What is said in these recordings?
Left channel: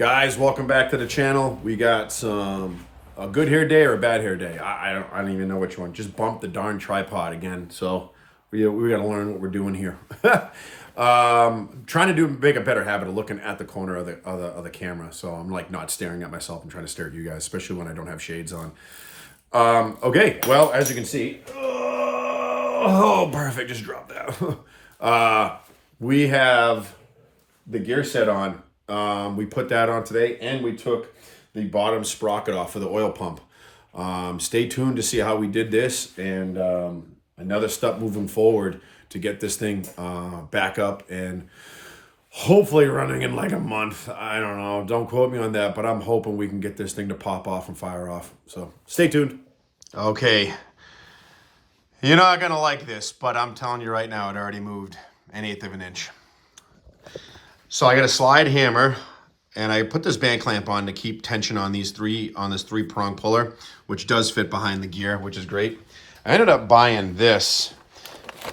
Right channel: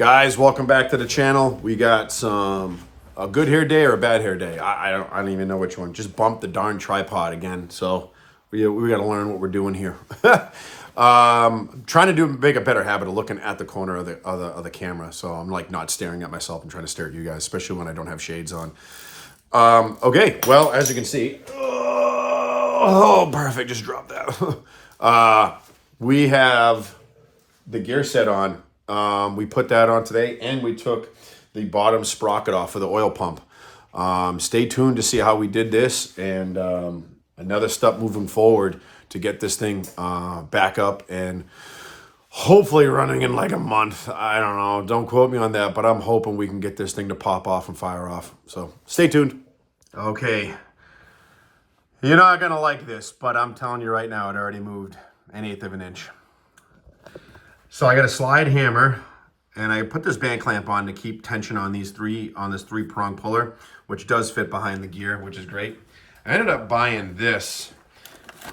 Guys, welcome back to the channel. We got a good hair day or a bad hair day. I don't even know which one. Just bumped the darn tripod again. So we got to learn what we're doing here. Trying to make a better habit of looking at the corner of the camera. So I'm like not staring at myself and trying to stare at you guys, especially when I don't have shades on. Okay, well, as you can see, oh, perfect, just dropped that. We have the gear set on. We put that on today, and we took the bottom sprocket off for the oil pump. Stay tuned to see how we did this, and another step moving forward to get this thing back up and hopefully running in like a month. I don't know. Don't quote me on that, but I'm hoping we can get this thing to pop off and fire off. So stay tuned. Okay. You're not going to like this, but I'm telling you right now, it already moved 1/8 of an inch. So I got a slide hammer, and I put this band clamp on to keep tension on this 3-prong puller, which does fit behind the gear, which is great. I ended up buying this.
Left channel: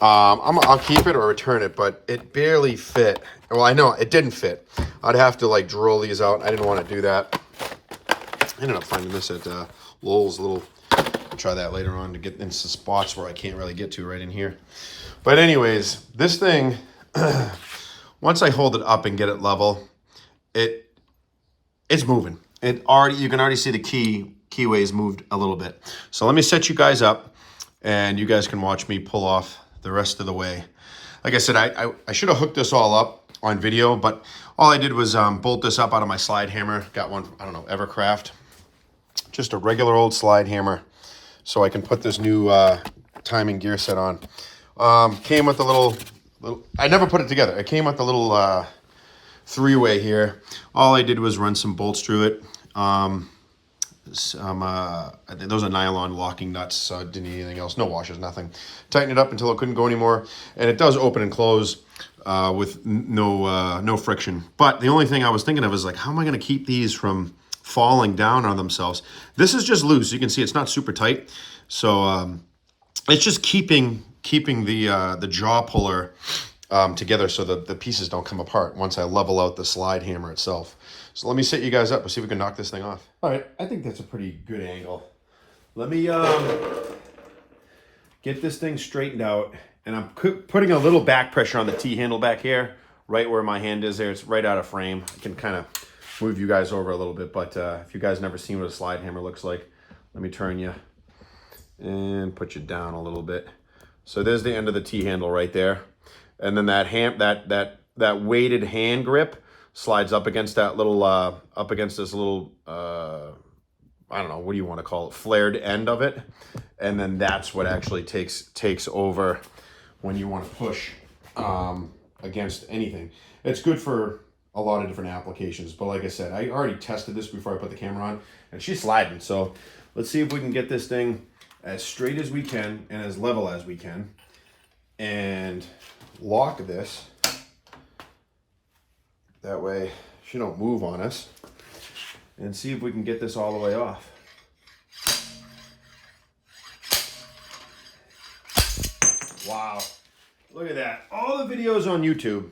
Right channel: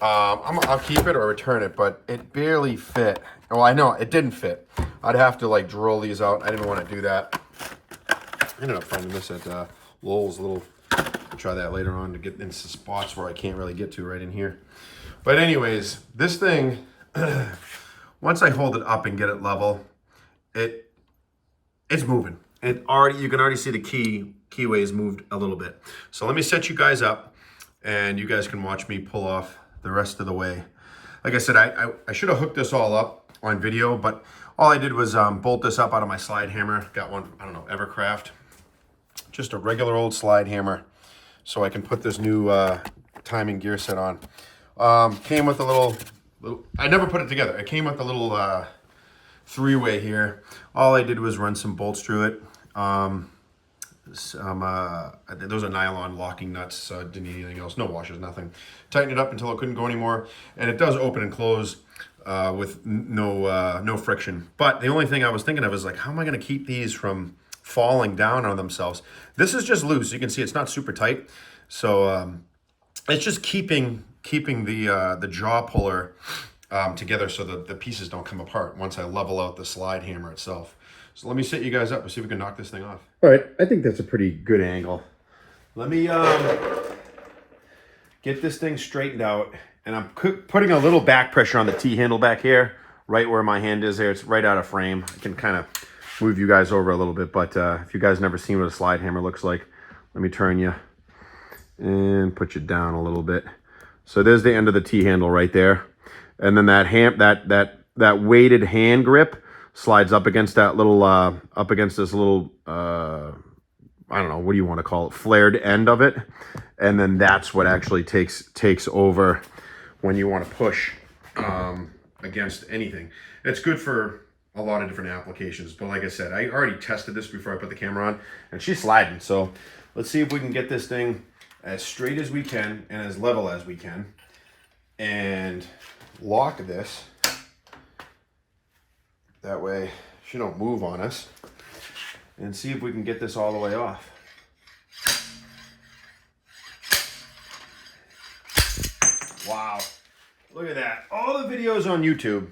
I'll keep it or return it, but it barely fit. Well, I know it didn't fit. I'd have to like drill these out. I didn't want to do that. I ended up finding this at Lowell's. I'll try that later on to get into spots where I can't really get to right in here. But anyways, this thing, once I hold it up and get it level, it's moving. You can already see the keyways moved a little bit. So let me set you guys up, and you guys can watch me pull off the rest of the way. Like I said, I should have hooked this all up on video, but all I did was bolt this up out of my slide hammer. Got one, I don't know, Evercraft. Just a regular old slide hammer, so I can put this new timing gear set on. Came with a little, I never put it together. It came with a little 3-way here. All I did was run some bolts through it. Those are nylon locking nuts, so I didn't need anything else. No washers, nothing. Tighten it up until it couldn't go anymore, and it does open and close with no friction. But the only thing I was thinking of is like, how am I going to keep these from falling down on themselves? This is just loose. You can see it's not super tight, so it's just keeping the jaw puller together so that the pieces don't come apart once I level out the slide hammer itself. So let me set you guys up and see if we can knock this thing off. All right, I think that's a pretty good angle. Let me get this thing straightened out, and I'm putting a little back pressure on the T-handle back here, right where my hand is there. It's right out of frame. I can kind of move you guys over a little bit, but if you guys never seen what a slide hammer looks like, let me turn you and put you down a little bit. So there's the end of the T-handle right there. And then that weighted hand grip slides up against that little, up against this little, I don't know, what do you want to call it, flared end of it. And then that's what actually takes over when you want to push against anything. It's good for a lot of different applications, but like I said, I already tested this before I put the camera on, and she's sliding. So let's see if we can get this thing as straight as we can and as level as we can, and lock this. That way she don't move on us, and see if we can get this all the way off. Wow, look at that. All the videos on YouTube,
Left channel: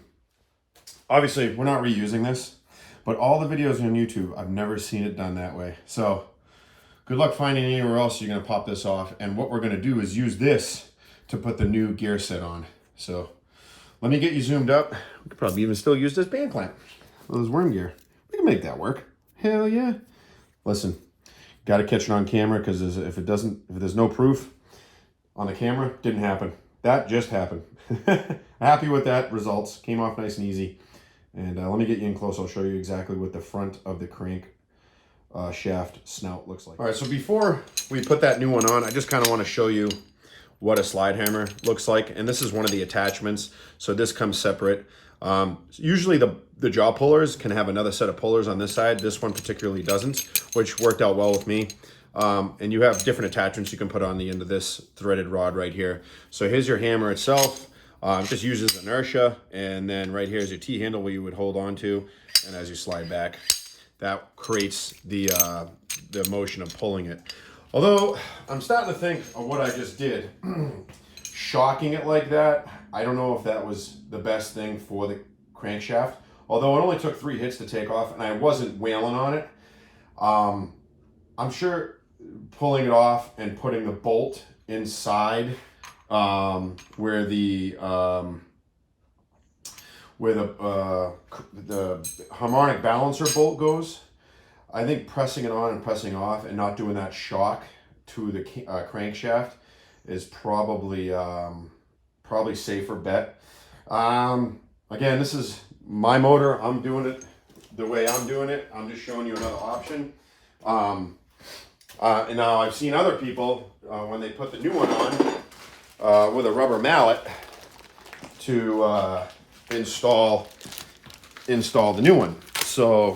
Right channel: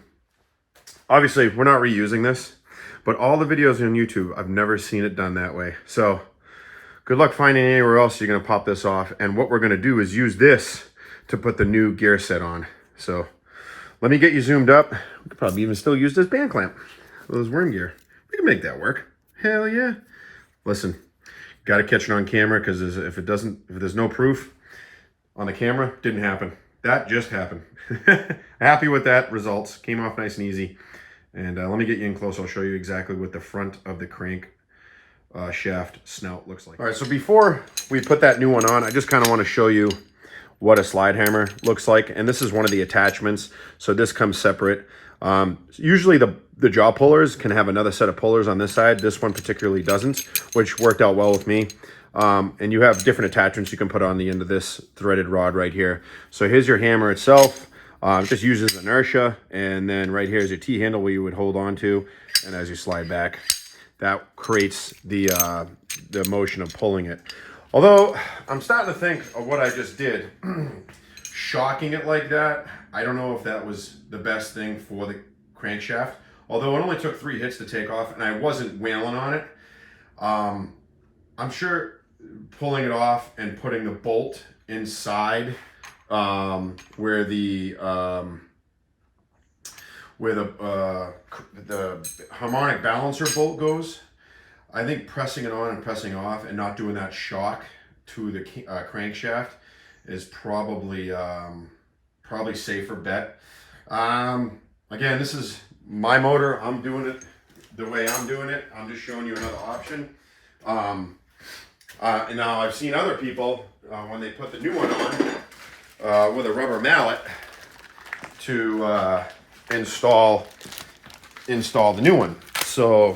obviously we're not reusing this, but all the videos on YouTube, I've never seen it done that way. So good luck finding anywhere else you're going to pop this off. And what we're going to do is use this to put the new gear set on. So let me get you zoomed up. We could probably even still use this band clamp, those worm gear. We can make that work. Hell yeah. Listen, got to catch it on camera, because if there's no proof on the camera, didn't happen. That just happened. Happy with that results. Came off nice and easy. And let me get you in close. I'll show you exactly what the front of the crank shaft snout looks like. All right, so before we put that new one on, I just kind of want to show you what a slide hammer looks like. And this is one of the attachments, so this comes separate. Usually the jaw pullers can have another set of pullers on this side. This one particularly doesn't, which worked out well with me. And you have different attachments you can put on the end of this threaded rod right here. So here's your hammer itself. It just uses inertia, and then right here is your T-handle where you would hold on to, and as you slide back, that creates the motion of pulling it. Although I'm starting to think of what I just did, shocking it like that, I don't know if that was the best thing for the crankshaft. although it only took 3 hits to take off, and I wasn't wailing on it. I'm sure pulling it off and putting the bolt inside where the harmonic balancer bolt goes, I think pressing it on and pressing off and not doing that shock to the crankshaft is probably safer bet. Again, this is my motor. I'm doing it the way I'm doing it. I'm just showing you another option. And now I've seen other people when they put the new one on with a rubber mallet to install the new one. So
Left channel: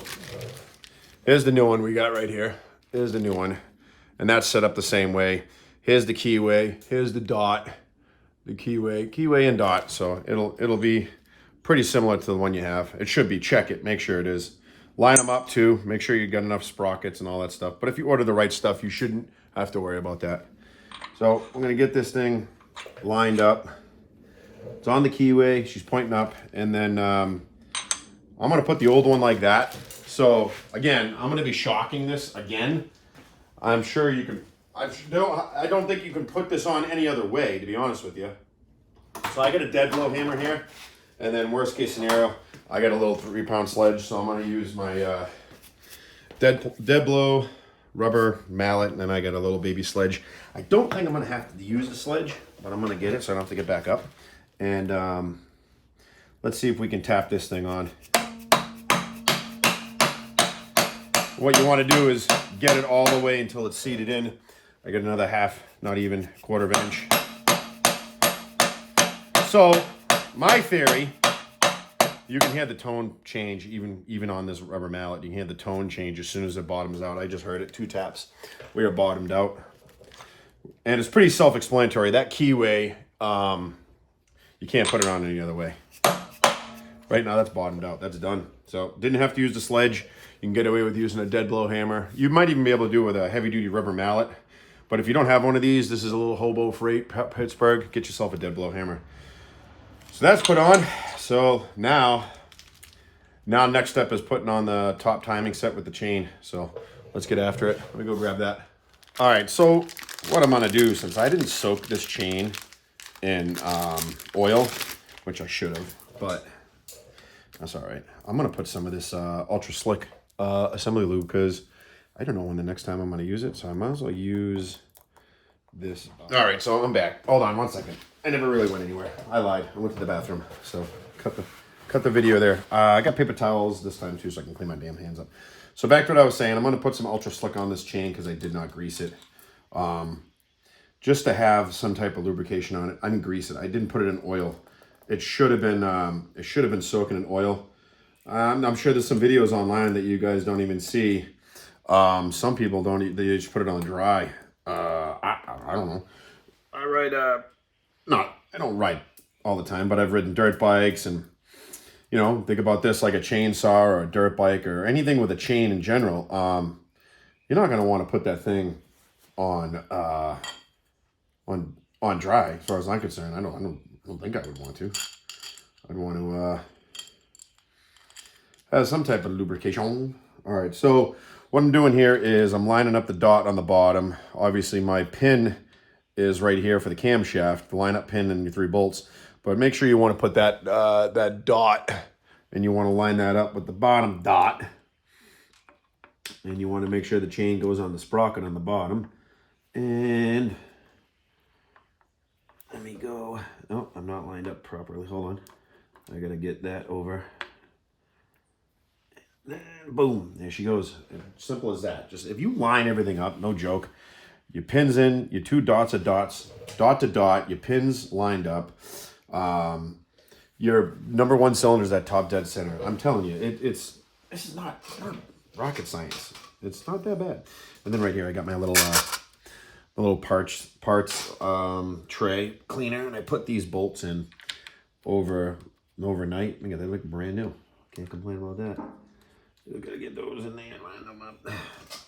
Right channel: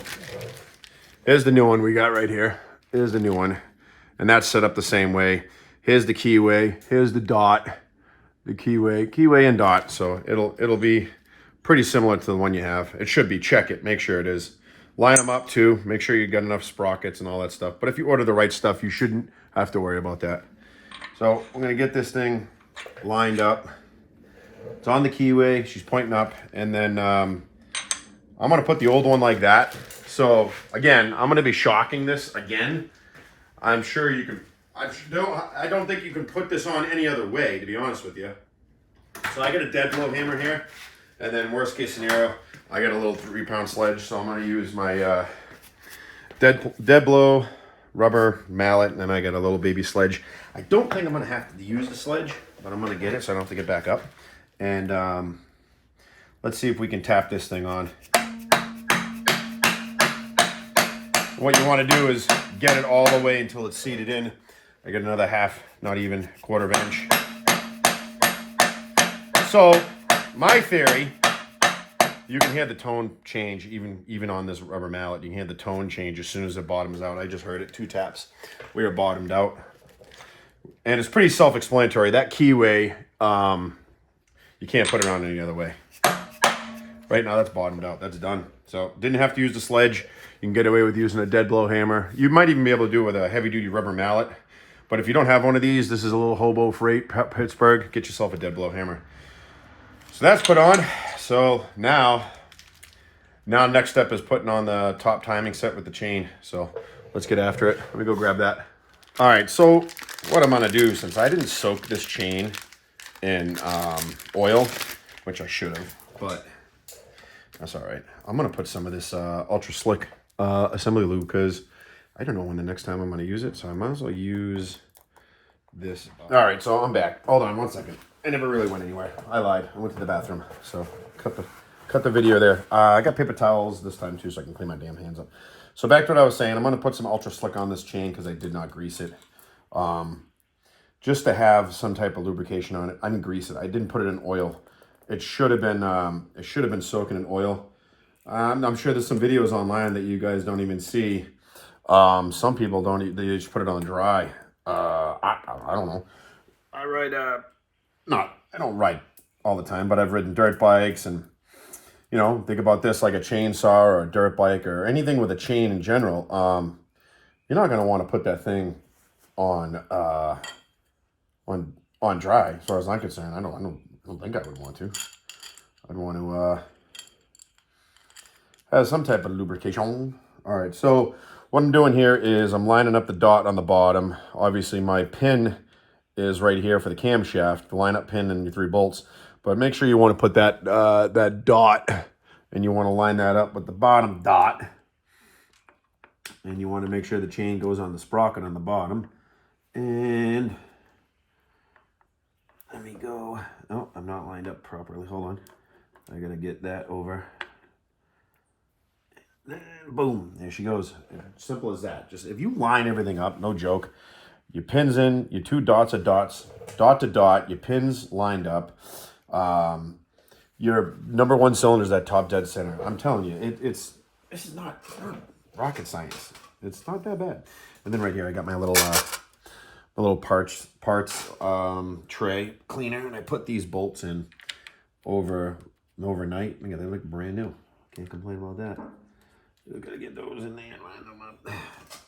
here's the new one we got right here. Here's the new one, and that's set up the same way. Here's the keyway. Here's the dot, the keyway and dot. So it'll be pretty similar to the one you have. It should be. Check it. Make sure it is. Line them up too. Make sure you got enough sprockets and all that stuff. But if you order the right stuff, you shouldn't have to worry about that. So I'm gonna get this thing lined up. It's on the keyway. She's pointing up, and then I'm gonna put the old one like that. So again, I'm gonna be shocking this again. I'm sure you can. I don't think you can put this on any other way, to be honest with you. So I got a dead blow hammer here, and then worst case scenario, I got a little 3-pound sledge, so I'm going to use my dead blow rubber mallet, and then I got a little baby sledge. I don't think I'm going to have to use the sledge, but I'm going to get it so I don't have to get back up. And let's see if we can tap this thing on. What you want to do is get it all the way until it's seated in. I got another half, not even quarter of an inch. So my theory, you can hear the tone change even on this rubber mallet. You can hear the tone change as soon as it bottoms out. I just heard it 2 taps. We are bottomed out. And it's pretty self-explanatory. That keyway, you can't put it on any other way. Right now that's bottomed out. That's done. So didn't have to use the sledge. You can get away with using a dead blow hammer. You might even be able to do it with a heavy-duty rubber mallet. But if you don't have one of these, this is a little hobo freight, Pittsburgh, get yourself a dead blow hammer. So that's put on. So now next step is putting on the top timing set with the chain. So let's get after it. Let me go grab that. All right, so what I'm gonna do, since I didn't soak this chain in oil, which I should have, but that's all right. I'm gonna put some of this ultra slick assembly lube because I don't know when the next time I'm gonna use it, so I might as well use this. All right, so I'm back. Hold on 1 second. I never really went anywhere. I lied. I went to the bathroom, so cut the video there. I got paper towels this time too, so I can clean my damn hands up. So back to what I was saying. I'm gonna put some ultra slick on this chain because I did not grease it, just to have some type of lubrication on it. I didn't grease it. I didn't put it in oil. It should have been soaking in oil. I'm sure there's some videos online that you guys don't even see. Some people don't. They just put it on dry. I don't know. I don't ride all the time, but I've ridden dirt bikes, and you know, think about this like a chainsaw or a dirt bike or anything with a chain in general. You're not going to want to put that thing on dry, as far as I'm concerned. I don't think I would want to. I'd want to have some type of lubrication. All right, so what I'm doing here is I'm lining up the dot on the bottom. Obviously, my pin is right here for the camshaft, the line-up pin and your 3 bolts. But make sure you want to put that dot, and you want to line that up with the bottom dot. And you want to make sure the chain goes on the sprocket on the bottom. And let me go. Oh, I'm not lined up properly. Hold on. I got to get that over. And boom, there she goes. Simple as that. Just if you line everything up, no joke. Your pins in, your 2 dots are dots, dot to dot, your pins lined up. Your number 1 cylinder is that top dead center. I'm telling you, this is not rocket science. It's not that bad. And then right here, I got my little parts tray cleaner, and I put these bolts in overnight. Look at they look brand new. Can't complain about that. Still gotta get those in there and line them up.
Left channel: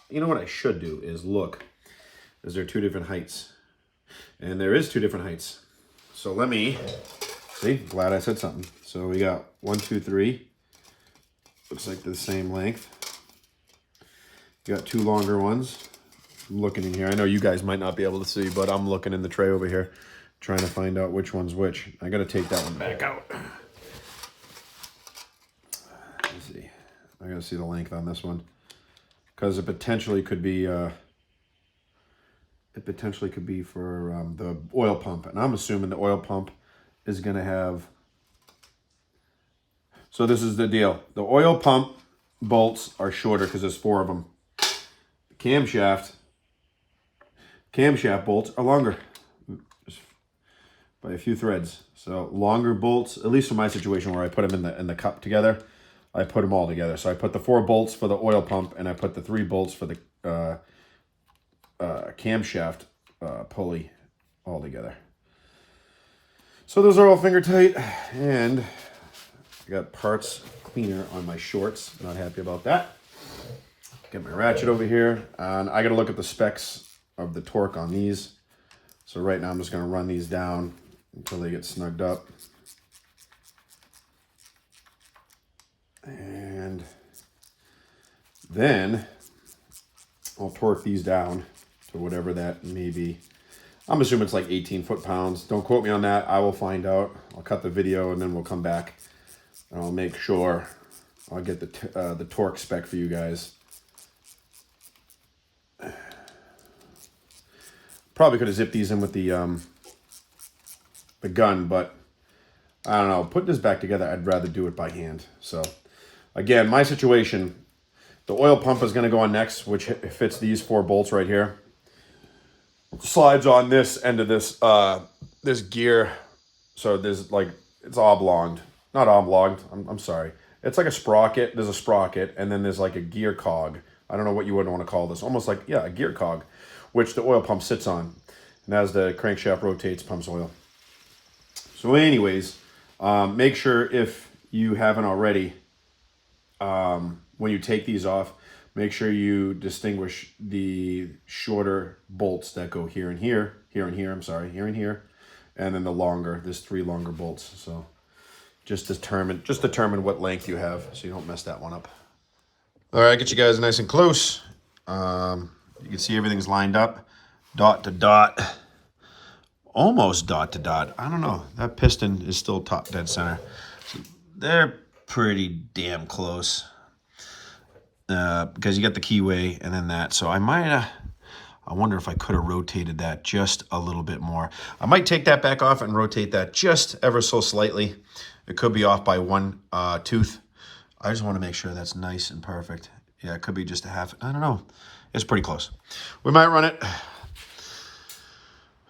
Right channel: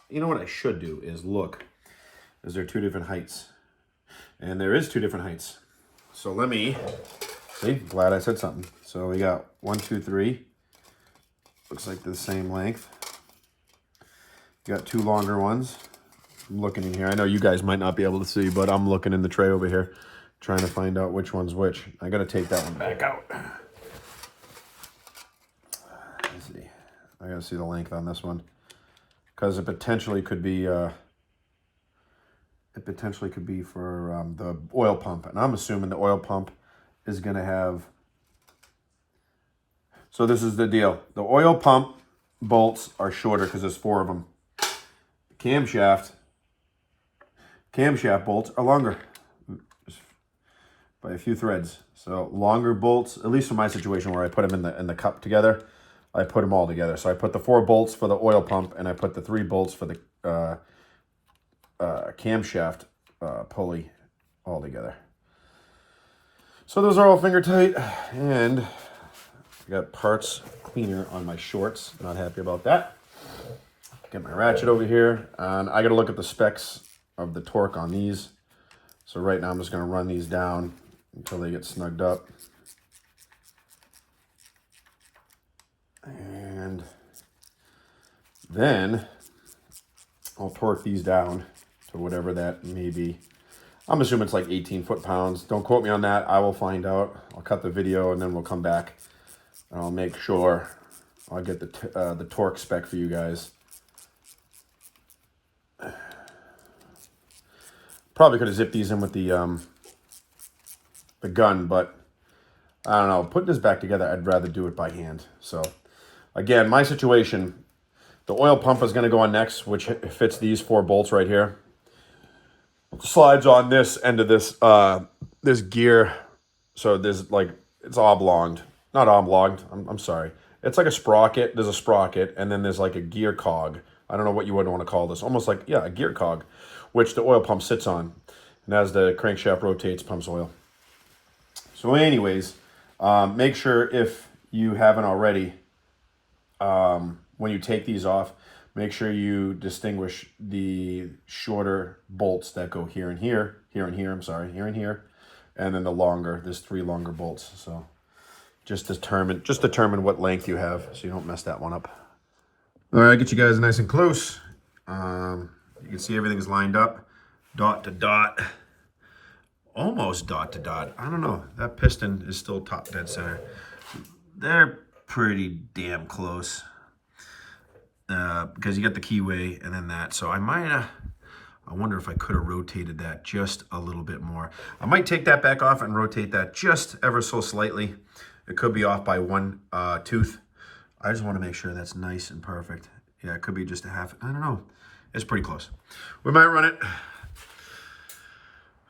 You know what I should do is look. Is there 2 different heights? And there is 2 different heights. So let me, see, glad I said something. So we got 1, 2, 3. Looks like the same length. You got two longer ones. I'm looking in here. I know you guys might not be able to see, but I'm looking in the tray over here, trying to find out which one's which. I got to take that one back out. Let's see. I got to see the length on this one, because it potentially could be for the oil pump, and I'm assuming the oil pump is going to have. So this is the deal. The oil pump bolts are shorter because there's 4 of them. The camshaft bolts are longer by a few threads. So longer bolts, at least for my situation where I put them in the cup together, I put them all together. So I put the 4 bolts for the oil pump, and I put the 3 bolts for the camshaft pulley all together. So those are all finger tight, and I got parts cleaner on my shorts. Not happy about that. Get my ratchet over here, and I got to look at the specs of the torque on these. So right now I'm just going to run these down until they get snugged up. And then I'll torque these down to whatever that may be. I'm assuming it's like 18 foot-pounds. Don't quote me on that. I will find out. I'll cut the video and then we'll come back and I'll make sure I'll get the torque spec for you guys. Probably could have zipped these in with the gun, but I don't know. Putting this back together, I'd rather do it by hand. So again, my situation, the oil pump is going to go on next, which fits these 4 bolts right here. Slides on this end of this this gear. So there's like, it's oblonged. Not oblonged, I'm sorry. It's like a sprocket. There's a sprocket, and then there's like a gear cog. I don't know what you would want to call this. Almost like, yeah, a gear cog, which the oil pump sits on. And as the crankshaft rotates, pumps oil. So anyways, make sure if you haven't already, when you take these off, make sure you distinguish the shorter bolts that go here and here, here and here, and then the longer, there's 3 longer bolts. So just determine what length you have so you don't mess that one up. All right, get you guys nice and close. You can see everything's lined up, dot to dot, almost dot to dot. I don't know, that piston is still top dead center. They're pretty damn close because you got the keyway and then that. So I might, I wonder if I could have rotated that just a little bit more. I might take that back off and rotate that just ever so slightly. It could be off by 1 tooth. I just want to make sure that's nice and perfect. Yeah, it could be just a half. I don't know. It's pretty close. We might run it.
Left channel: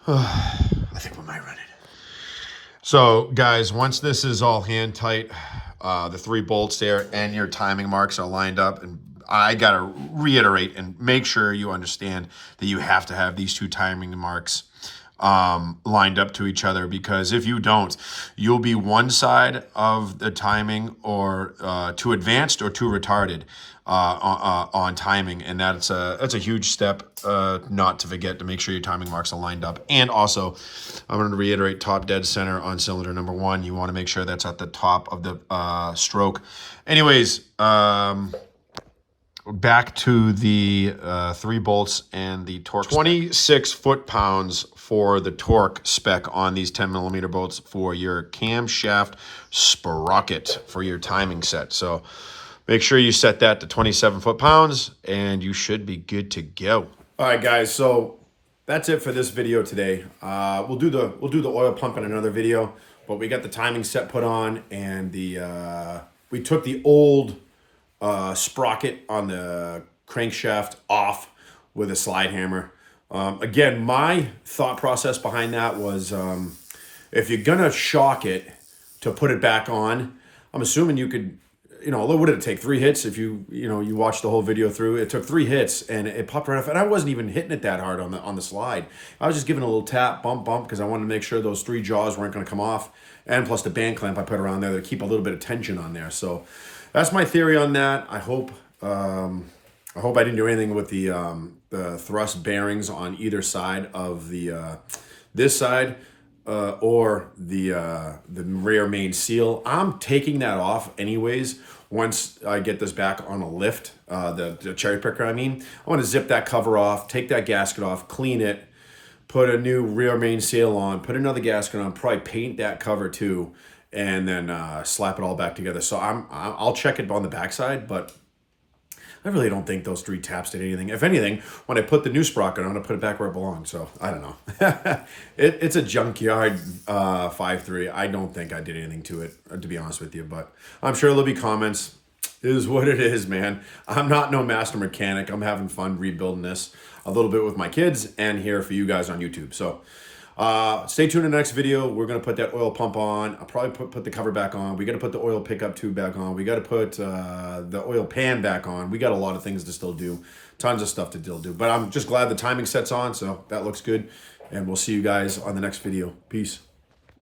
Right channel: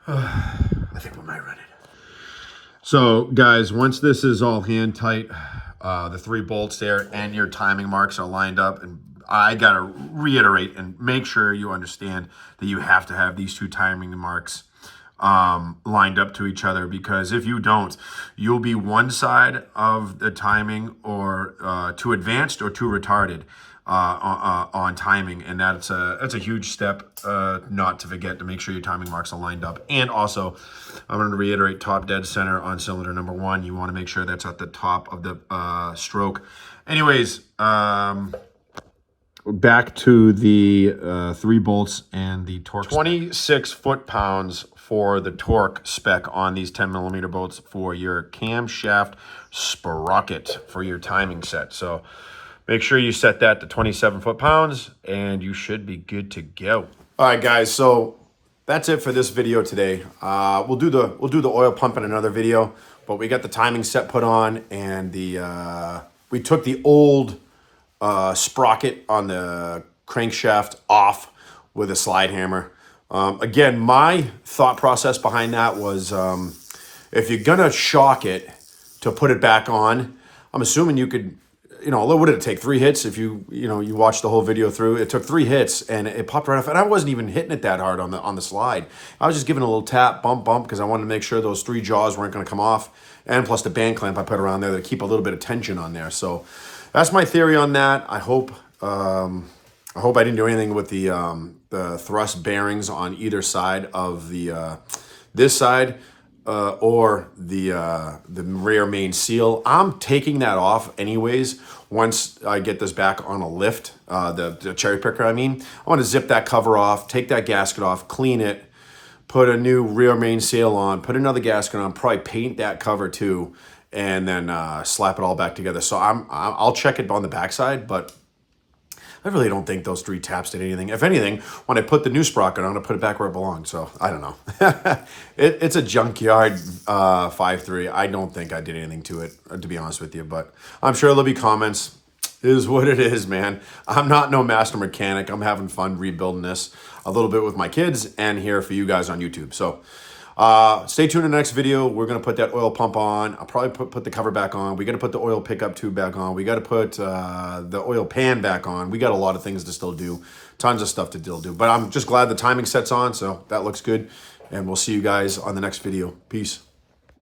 I think we might run it. So, guys, once this is all hand tight, the 3 bolts there and your timing marks are lined up, and I got to reiterate and make sure you understand that you have to have these 2 timing marks lined up to each other, because if you don't, you'll be one side of the timing or too advanced or too retarded on timing, and that's a huge step not to forget, to make sure your timing marks are lined up. And also, I'm going to reiterate, top dead center on cylinder number 1. You want to make sure that's at the top of the stroke. Anyways, back to the 3 bolts and the torque. 26 foot-pounds for the torque spec on these 10mm bolts for your camshaft sprocket for your timing set. So make sure you set that to 27 foot-pounds and you should be good to go. All right, guys, so that's it for this video today. We'll do the oil pump in another video, but we got the timing set put on, and we took the old sprocket on the crankshaft off with a slide hammer. Again, my thought process behind that was, if you're gonna shock it to put it back on, I'm assuming you could, what did it take? 3 hits? If you watched the whole video through, it took 3 hits and it popped right off. And I wasn't even hitting it that hard on the slide. I was just giving a little tap, bump, because I wanted to make sure those 3 jaws weren't gonna come off. And plus the band clamp I put around there to keep a little bit of tension on there. So that's my theory on that. I hope I didn't do anything with the thrust bearings on either side of the this side or the rear main seal. I'm taking that off anyways. once I get this back on a lift, the cherry picker, I mean, I want to zip that cover off, take that gasket off, clean it, put a new rear main seal on, put another gasket on, probably paint that cover too, and then slap it all back together. So I'll check it on the backside, but I really don't think those 3 taps did anything. If anything, when I put the new sprocket on, I put it back where it belongs. So I don't know. It's a junkyard 5.3. I don't think I did anything to it, to be honest with you. But I'm sure there'll be comments. It is what it is, man. I'm not no master mechanic. I'm having fun rebuilding this a little bit with my kids and here for you guys on YouTube. So stay tuned in the next video. We're going to put that oil pump on. I'll probably put the cover back on. We got to put the oil pickup tube back on. We got to put the oil pan back on. We got a lot of things to still do. Tons of stuff to still do. But I'm just glad the timing set's on, so that looks good. And we'll see you guys on the next video. Peace.